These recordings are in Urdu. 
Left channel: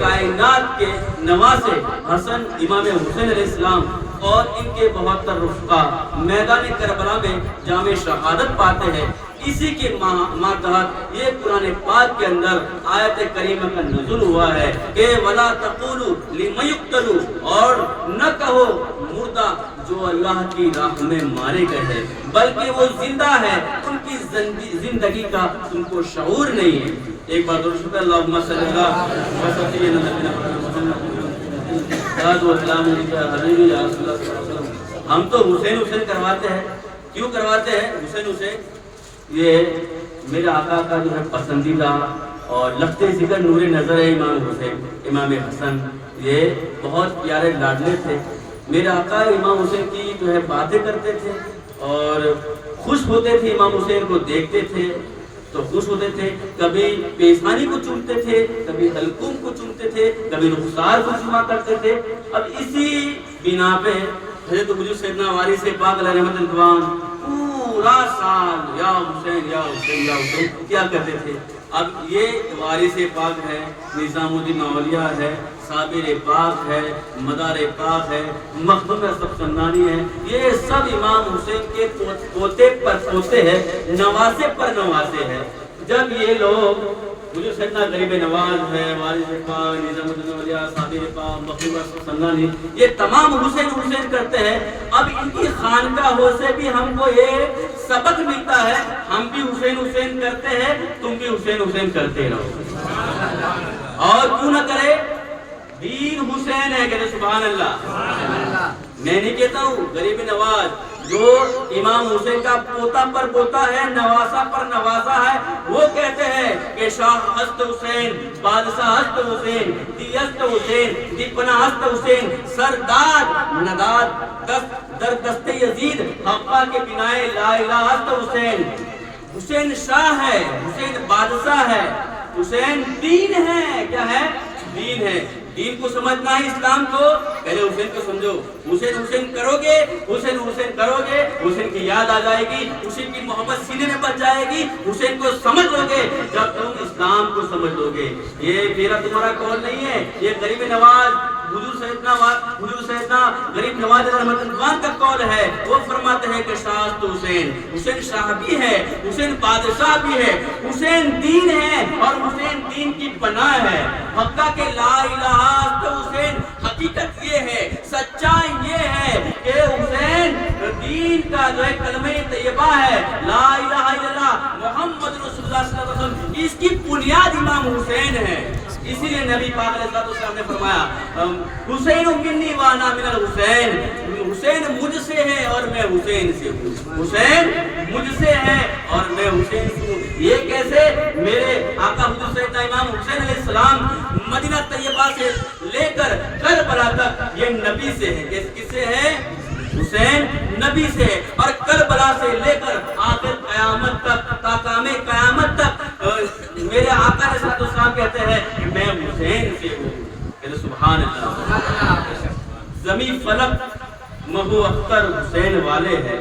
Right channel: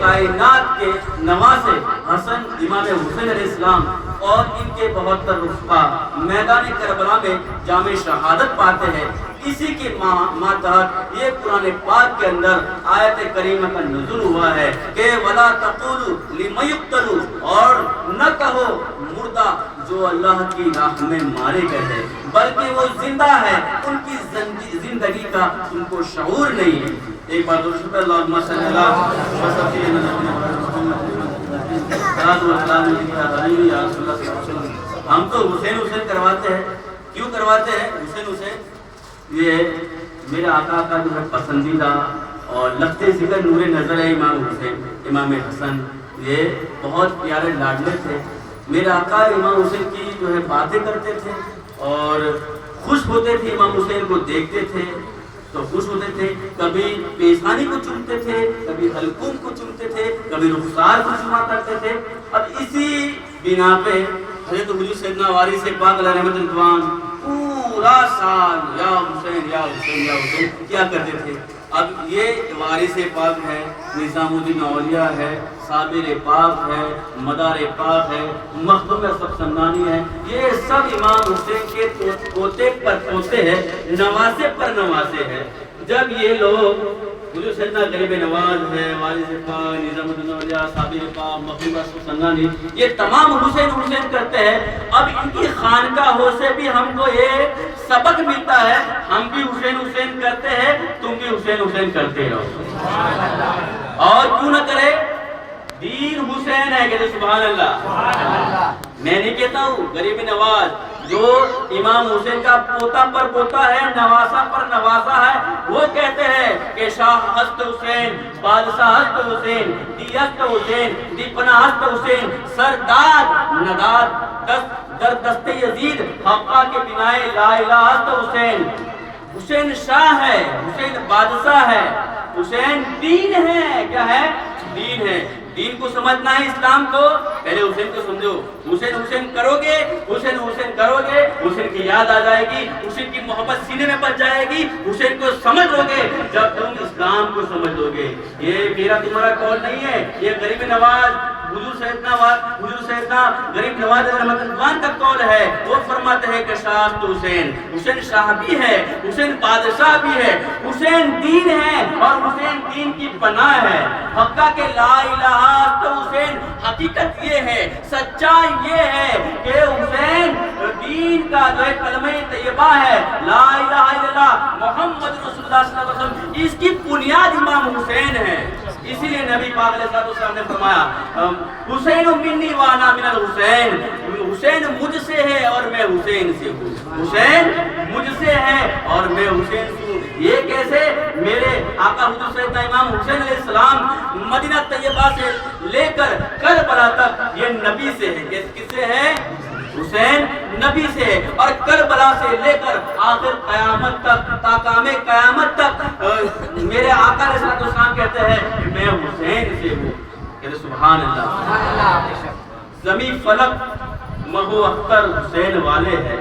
کائنات کے نواسے حسن امام حسین علیہ السلام اور ان کے 72 رفقا میدان کربلا میں جام شہادت پاتے ہیں۔ اسی کے ماتحت یہ قرآن پاک کے اندر آیت کریمہ کا نزول ہوا ہے کہ وَلَا تَقُولُوا لِمَنْ يُقْتَلُ، اور نہ کہو مردہ جو اللہ کی راہ میں مارے گئے ہیں، بلکہ وہ زندہ ہے، ان کی زندگی کا ان کو شعور نہیں ہے۔ ایک بار درود شکر اللہم صلی اللہ ہم تو حسین حسین کرواتے ہیں۔ کیوں کرواتے ہیں حسین حسین؟ یہ میرے آقا کا جو ہے پسندیدہ اور لختے ذکر نور نظر ہے امام حسین، امام حسن، یہ بہت پیارے لاڈلے تھے۔ میرے آقا امام حسین کی جو ہے باتیں کرتے تھے اور خوش ہوتے تھے، امام حسین کو دیکھتے تھے تو خوش ہوتے تھے، کبھی پیشانی کو چومتے تھے، کبھی حلقوم کو چومتے تھے، کبھی رخسار کو چوما کرتے تھے۔ اب اسی بنا پہ حضرت حضور سیدنا وارث پاک علیہ رحمت الدوان پورا سال یا حسین یا حسین یا حسین کیا کرتے تھے۔ اب یہ وارث پاک ہے، نظام الدین اولیاء ہے، صابر پاک ہے، مدار پاک ہے، مخدوم سبسندانی ہے، یہ سب امام حسین کے پوتے پر پوتے ہیں، نواسے پر نواسے ہیں۔ جب یہ لوگ حضور سیدنا غریب نواز ہے، وارث پاک، نظام الدین اولیاء، صابر پاک، مخدوم سبسندانی، یہ تمام حسین حسین کرتے ہیں۔ اب ان کی خانقاہوں سے بھی ہم کو یہ سبق ملتا ہے، ہم بھی حسین حسین کرتے ہیں، تم بھی حسین حسین کرتے رہو۔ اور کیوں نہ کرے؟ دین حسین ہے، کہتے سبحان اللہ۔ میں نہیں کہتا ہوں، غریب نواز جو امام حسین کا پوتا پر پوتا ہے، نواسا پر نواسا ہے، وہ کہتے ہیں کہ شاہ ہست حسین، بادشاہ ہست حسین، دی ہست حسین، دی پناہ ہست حسین، سرداد نداد در دست یزید، حقا کے بنائے لا الہ ہست حسین۔ حسین شاہ ہے، حسین بادشاہ ہے، حسین دین ہے۔ کیا ہے؟ دین ہے۔ دین کو سمجھنا ہے اسلام کو، پہلے حسین کو سمجھو۔ حسین حسین کرو گے، حسین حسین کرو گے، حسین کی یاد آ جائے گی، حسین کی محبت سینے میں بچ جائے گی، حسین کو سمجھ لو گے جب تم اسلام کو سمجھ لو گے۔ یہ میرا تمہارا قول نہیں ہے، یہ غریب نواز حضور سیدنا غریب نواز رحمت اللہ کا قول ہے۔ وہ فرماتے ہیں کہ شاہ حسین، حسین شاہ بھی ہے، حسین بادشاہ بھی ہے، حسین دین ہے اور حسین دین کی پناہ ہے۔ حقا کے لا الہ تو حسین حقیقت یہ ہے، سچائی یہ ہے کہ حسین دین کا جو ہے کلمہ طیبہ ہے، لا الہ الا اللہ محمد رسول اللہ صلی اللہ علیہ وسلم، اس کی بنیاد امام حسین ہے۔ اسی لیے نبی پاک علیہ السلام نے فرمایا حسین منی وانا من الحسین، حسین مجھ سے ہے اور میں حسین سے ہوں، حسین مجھ سے ہے اور میں حسین سے ہوں۔ یہ کیسے؟ میرے آقا حضور سیدنا امام حسین علیہ السلام مدینہ طیبہ سے لے کر کربلا تک یہ نبی سے ہے۔ کس سے ہے؟ حسین نبی سے، اور کربلا سے لے کر آخر قیامت تک، تاقام قیامت تک میرے آقا علیہ السلام کہتے ہیں کہ میں حسین سے ہوں۔ کہتے سبحان اللہ۔ زمین فلک مہو اختر حسین والے ہیں،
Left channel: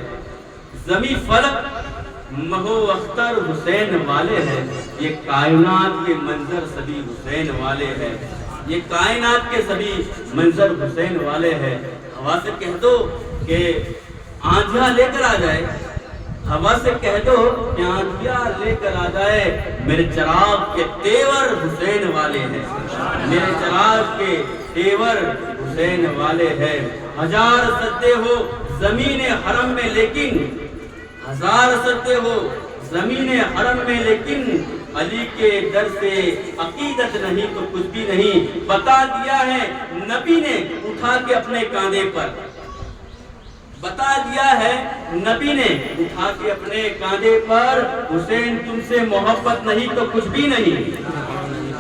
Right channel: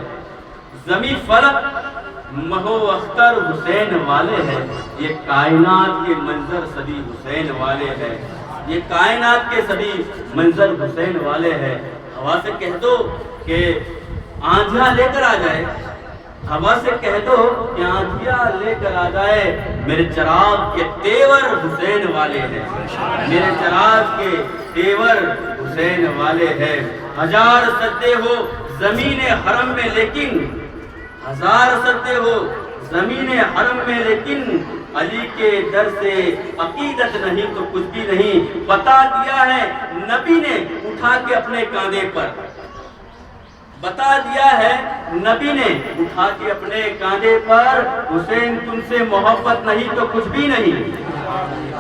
زمین فلک مہو اختر حسین والے ہیں، یہ کائنات کے منظر سبھی حسین والے ہیں، یہ کائنات کے سبھی منظر حسین والے ہیں۔ ہوا سے کہہ دو کہ آندھیاں لے کر آ جائے، ہوا سے کہہ دو کہ آندھیاں لے کر آ جائے، میرے چراغ کے تیور حسین والے ہیں، میرے چراغ کے تیور حسین والے ہیں۔ ہزار سجدے ہو زمین حرم میں لیکن، ہزار سجدے ہو زمین حرم میں لیکن، علی کے در سے عقیدت نہیں تو کچھ بھی نہیں، بتا دیا ہے نبی نے اٹھا کے اپنے کاندھے پر، بتا دیا ہے نبی نے اٹھا کے اپنے کاندھے پر، حسین تم سے محبت نہیں تو کچھ بھی نہیں،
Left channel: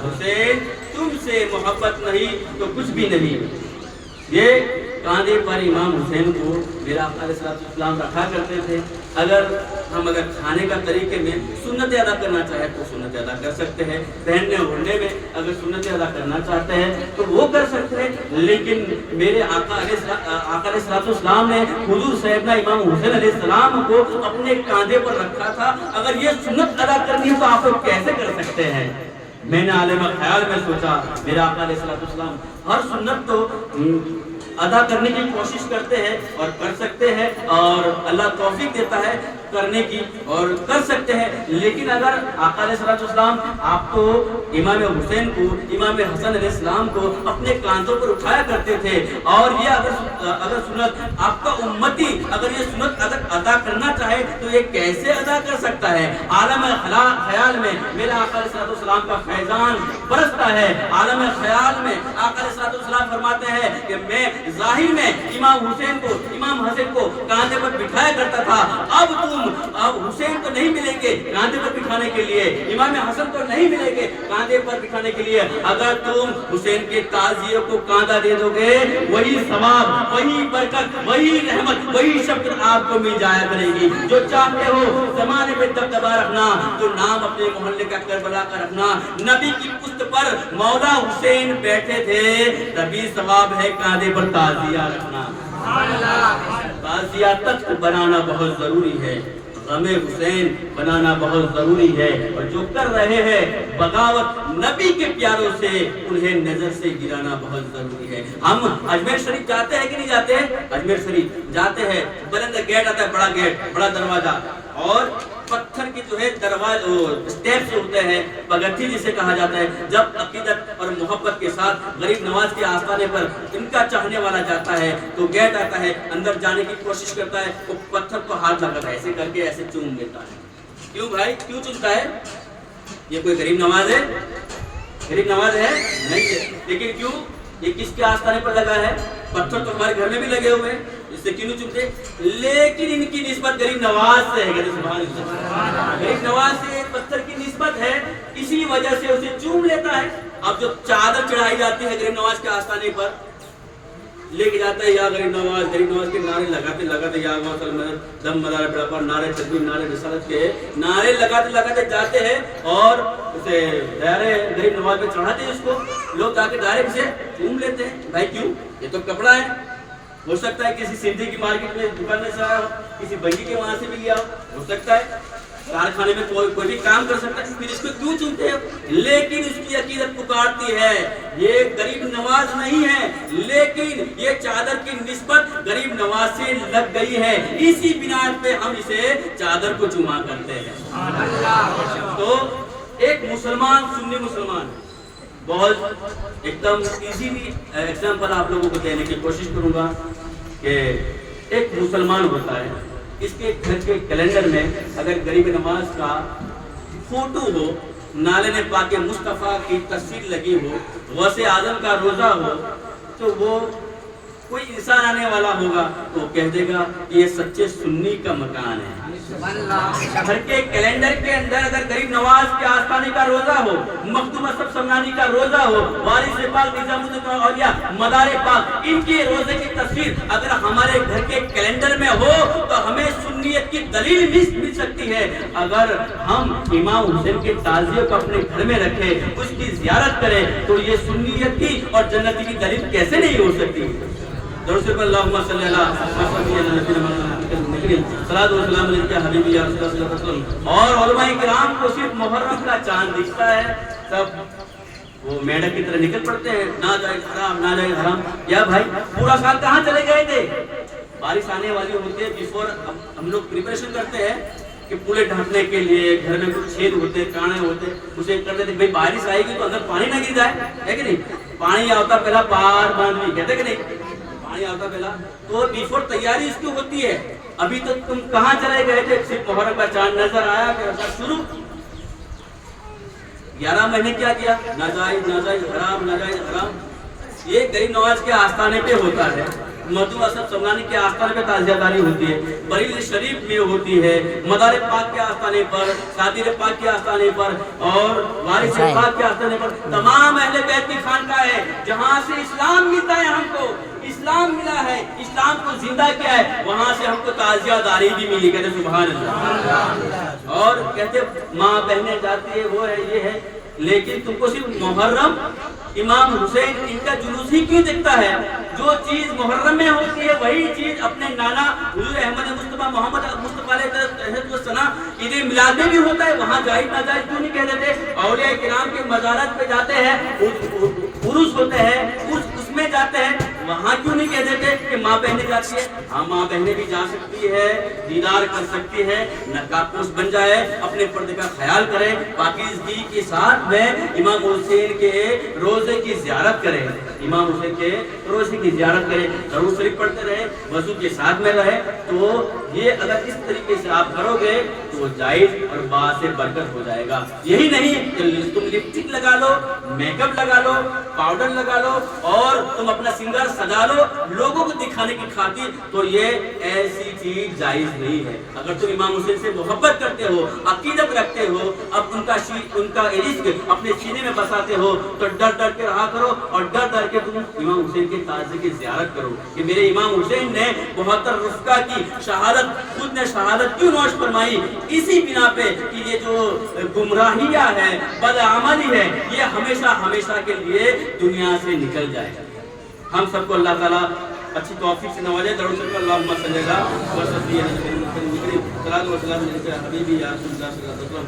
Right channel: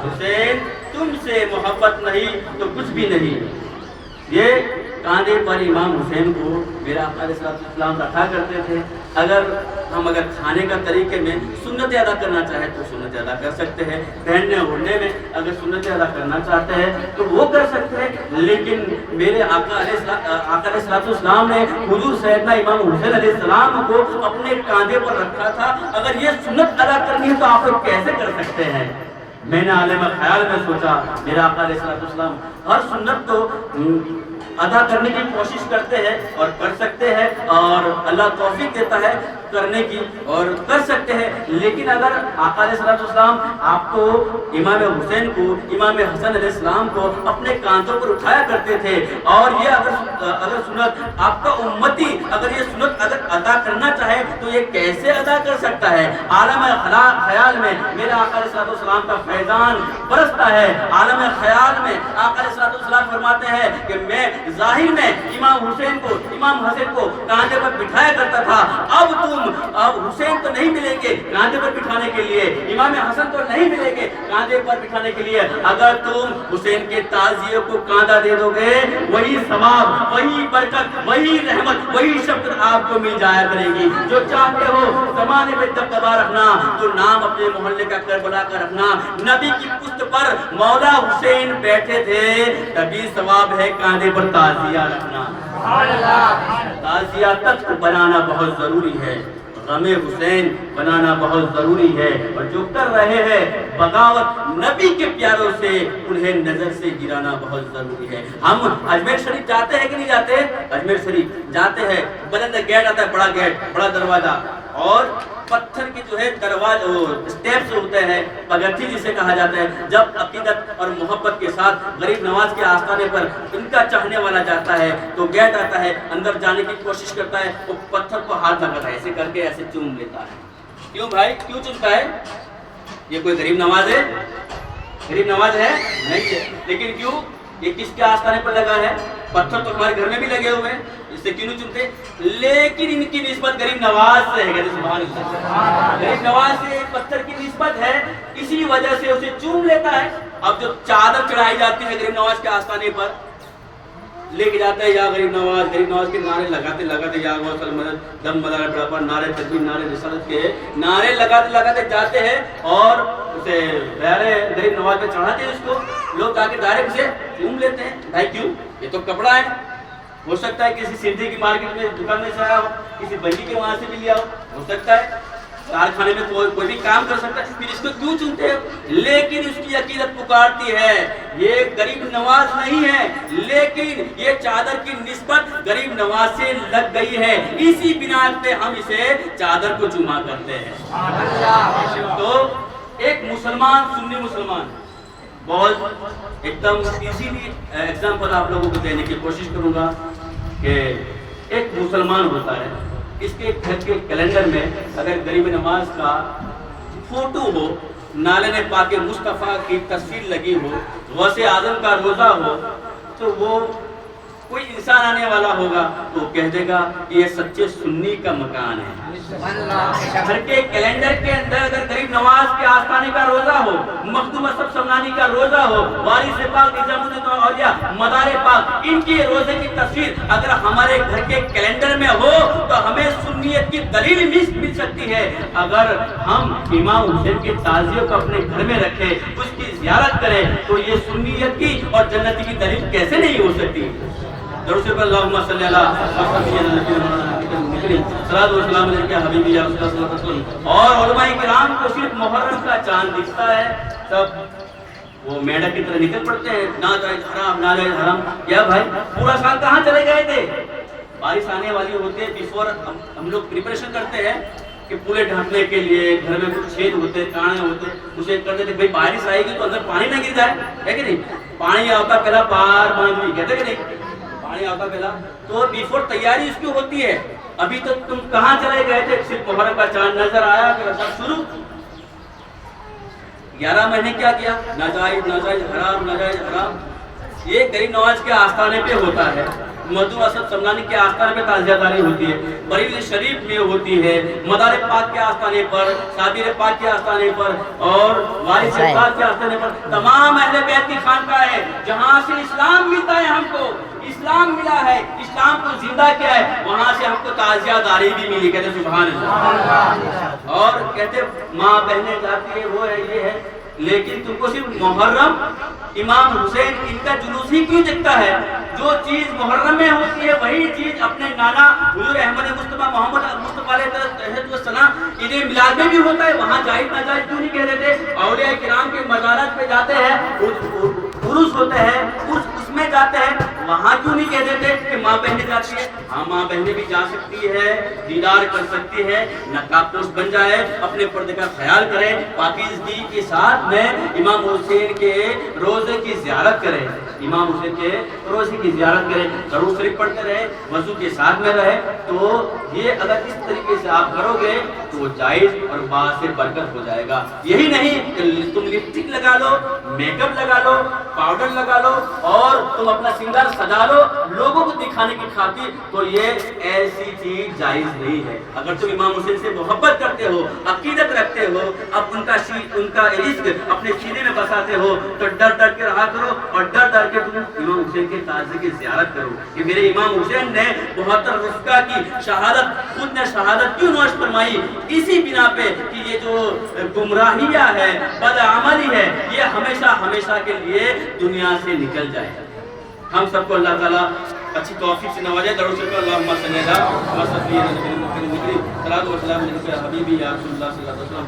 حسین تم سے محبت نہیں تو کچھ بھی نہیں۔ یہ کاندھے پر امام حسین کو میرا آقا علیہ السلام رکھا کرتے تھے۔ اگر ہم کھانے کا طریقے میں سنت ادا کرنا چاہیں تو سنت ادا کر سکتے ہیں، پہننے اوڑھنے میں اگر سنت ادا کرنا چاہتے ہیں تو وہ کر سکتے ہیں، لیکن میرے آقا علیہ السلام نے حضور سیدنا امام حسین علیہ السلام کو اپنے کاندھے پر رکھا تھا۔ اگر یہ سنت ادا کرنی ہے تو آپ لوگ کیسے کر سکتے ہیں؟ میں نے عالم خیال میں سوچا میرا آقا علیہ السلام ہر سنت تو ادا کرنے کی کوشش کرتے ہیں اور کر سکتے ہیں، اور اللہ توفیق دیتا ہے کرنے کی اور کر سکتے ہیں، لیکن اگر آقا علیہ السلام آپ کو امام حسین کو امام حسن علیہ السلام کو اپنے کاندھوں پر اٹھایا کرتے تھے، اور یہ اگر سنت آپ کا امتی اگر یہ سنت اگر ادا کرنا چاہے تو یہ کیسے ادا کر سکتا ہے؟ عالم خیال میں میرے آقا علیہ السلام کا فیضان برستا ہے، عالم خیال میں آقا علیہ السلام فرماتے ہیں کہ میں ظاہر میں امام حسین کو امام حسن کو کاندھے پر بٹھایا کرتا تھا، اب حسین تو نہیں ملیں گے کاندھے پر بٹھانے کے لیے، امام حسن تو نہیں ملیں گے کاندھے پر بٹھانے کے لیے، اگر تم حسین کے تعزیے کو کاندھا دے دو گے وہی ثواب، وہی برکت، وہی رحمت، وہی شفقت آپ کو مل جایا کرے گی۔ جو چاہتے ہو زمانے میں دبدبا رکھنا، جو نام اپنے محلے کا کربلا کا رکھنا، نبی کی پشت پر مولا حسین بیٹھے تھے، تبھی ثواب ہے کاندھے پر تعزیہ رکھنا۔ تعزیہ تخت بنانا بہت ضروری ہے، غم حسین بنانا بہت ضروری ہے، اور جو کر رہے ہیں بغاوت نبی کے پیاروں سے انہیں نظر سے گرانا بہت ضروری ہے۔ ہم اجمیر شریف جاتے ہیں کہ نہیں جاتے؟ اجمیر شریف جاتے ہیں، بلند گیٹ آتا ہے، بڑا گیٹ، بڑا دروازہ، اور پتھر کی جو ہے دروازے سٹیپس ہوتے ہیں، پگڈنڈی جسے کہا جاتا ہے۔ جب عقیدت اور محبت کے ساتھ غریب نواز کے آستانے پر ان کا چاہنے والا جاتا ہے تو گیٹ آتا ہے، اندر جانے کی کوشش کرتا ہے، وہ پتھر کو ہاتھ لگاتا ہے، ایسے کر کے ایسے چوم لیتا ہے۔ کیوں بھائی کیوں چومتا ہے؟ یہ کوئی غریب نواز ہے؟ غریب نواز ہے نہیں ہے، لیکن کیوں؟ یہ کس کے آستانے پر لگا ہے؟ پتھر تو ہمارے گھر میں بھی لگے ہوئے ہیں، اس سے کیوں نہیں چومتے؟ لیکن ان کی نسبت غریب نواز سے ہے، غریب نواز سے ایک پتھر کی نسبت ہے، اسی وجہ سے اسے چوم لیتا ہے۔ اب جو چادر چڑھائی جاتی ہے غریب نواز کے آستانے پر، لے کے جاتا ہے یا غریب نواز کے نعرے لگاتے یا مدد دم مدار بڑا پر نعرے تکبیر نعرے رسالت کے نعرے لگاتے جاتے ہیں، اور اسے غریب نواز پہ چڑھاتے ہیں، اس کو لوگ جا کے ڈائریکٹ سے چوم لیتے ہیں۔ بھائی کیوں؟ یہ تو کپڑا ہے، ہو سکتا ہے کسی سندھی کی مارکیٹ میں دکان میں سے آیا ہو، کسی بنی کے وہاں سے بھی لیا ہو سکتا ہے کارخانے میں کوئی بھی کام کر سکتا ہے، پھر اس کو کیوں چنتے ہو؟ لیکن اس کی عقیدت پکارتی ہے یہ غریب نواز نہیں ہے، لیکن یہ چادر کی نسبت غریب نواز سے لگ گئی ہے، اسی بنا پہ ہم اسے چادر کو چوما کرتے ہیں۔ تو ایک مسلمان، سنی مسلمان، بہت ایک دم ایزیلی ایگزامپل آپ لوگوں کو دینے کی کوشش کروں گا کہ ایک مسلمان ہوتا ہے، اس کے گھر کے کیلنڈر میں اگر غریب نواز کا فوٹو ہو، نالے پاک مصطفیٰ کی تصویر لگی ہو، غوث اعظم کا روزہ ہو، تو وہ کوئی انسان آنے والا ہوگا تو کہہ دے گا کہ یہ سچے سنی کا مکان ہے۔ گھر کے کیلنڈر کے اندر اگر غریب نواز کے آستانے کا روزہ ہو، مخدوم اسد سمنانی کا روزہ ہو، وارث پاک نظام الدین اولیاء مدار پاک، ان کی روزے کی تصویر اگر ہمارے گھر کے کیلنڈر میں ہو تو ہمیں سنیت کی دلیل مل سکتی ہے۔ اگر ہم امام حسین کے تعزیے کو اپنے گھر میں رکھے، اس کی زیارت کریں، تو یہ سنیت کی اور جنتی کی دلیل کیسے نہیں ہو سکتی؟ درود پر اللہم صلی اللہ صلاۃ و سلام علیہ حبیبی صلی اللہ علیہ وسلم۔ اور علماء کرام کو صرف محرم کا چاند دکھتا ہے تب وہ میڈک کی طرح نکل پڑتے ہیں، ناجائز حرام ناجائز حرام۔ یا بھائی پورا سال کہاں چلے گئے تھے؟ بارش آنے والی ہوتی ہے، بیفور ہم لوگ پریپریشن کرتے ہیں کہ پورے ڈھانکنے کے لیے، گھر میں کچھ چھید ہوتے کانے ہوتے، اسے کرتے تھے بھائی بارش آئے گی تو اندر پانی نہ گر جائے، ہے کہ نہیں؟ پانی آتا پہلا پار باندھ بھی کہتے کہ نہیں، پانی آتا پہلا، تو بیفور تیاری اس کی ہوتی ہے۔ ابھی تک تم کہاں چلے گئے تھے؟ صرف محرم کا چاند نظر آیا کہ شروع 11 مہینے کیا کیا؟ ناجائز ناجائز حرام ناجائز حرام۔ یہ غریب نواز کے آستانے پہ ہوتا ہے، مخدوم اسد سمنانی کے آستانے پہ تعزیہ داری ہوتی ہے، بریلی شریف میں ہوتی ہے، مدار پاک کے آستانے پر، صابر پاک کے آستانے پر، اور وارث پاک کے آستانے پر، تمام اہل بیت کی خانقاہ ہے جہاں سے اسلام ملتا ہے، ہم کو اسلام ملا ہے، اسلام کو زندہ کیا ہے، وہاں سے ہم کو تعزیہ داری بھی ملی، کہتے سبحان اللہ۔ اور کہتے ماں بہنیں جاتی ہے، وہ ہے یہ ہے، لیکن تم کو صرف محرم امام حسین ان کا جلوس ہی کیوں دکھتا ہے؟ جو چیز محرم میں ہوتی ہے وہی چیز اپنے نانا حضور احمد مصطفیٰ محمد مصطفیٰ یوسف علیہ السلام عید میلاد میں بھی ہوتا ہے، وہاں جائز ناجائز کیوں نہیں کہہ دیتے؟ اولیاء کرام کے مزارات پہ جاتے ہیں، عرس ہوتے ہیں، اس میں جاتے ہیں، وہاں کیوں نہیں کہہ دیتے کہ ماں بہنیں جاتی ہیں؟ ہاں ماں بہنیں بھی جا سکتی ہے، دیدار کر سکتی ہے، نقاب پوش بن جائے، اپنے پردے کا خیال کرے، پاکیزگی کے ساتھ میں امام حسین کے روزے کی زیارت کرے، امام حسین کے روزے کی زیارت کرے، درود شریف پڑھتے رہے، وضو کے ساتھ میں رہے۔ تو یہ اگر اس طریقے سے آپ کرو گے تو جائز اور بعد سے برکت ہو جائے گا۔ یہی نہیں کہ تم لپسٹک لگا لو، میک اپ لگا لو، پاؤڈر لگا لو اور تم اپنا سنگار سجا لو لوگوں کو دکھانے کی خاطر، تو یہ ایسی چیز جائز نہیں ہے۔ اگر تم امام حسین سے محبت کرتے ہو، عقیدت رکھتے ہو، اب ان کا عشق اپنے سینے میں بساتے ہو، تو ڈر ڈر کے رہا کرو اور ڈر ڈر کے تم امام حسین کے تعزیے کی زیارت کرو کہ میرے امام حسین نے 72 رفقا کی شہادت، خود نے شہادت کیوں نوش فرمائی؟ اسی بنا پہ کہ یہ جو گمراہیاں ہے، بدعملی ہے، یہ ہمیشہ ہمیشہ کے لیے دنیا سے نکل جائے۔ ہم سب کو اللہ تعالیٰ اچھی توفیق سے نوازے۔ درود شریف اللہم صلی اللہ و سلم علی نبی کریم، صلاۃ و سلام علیک یا حبیبی یا رسول اللہ صلی اللہ علیہ وسلم۔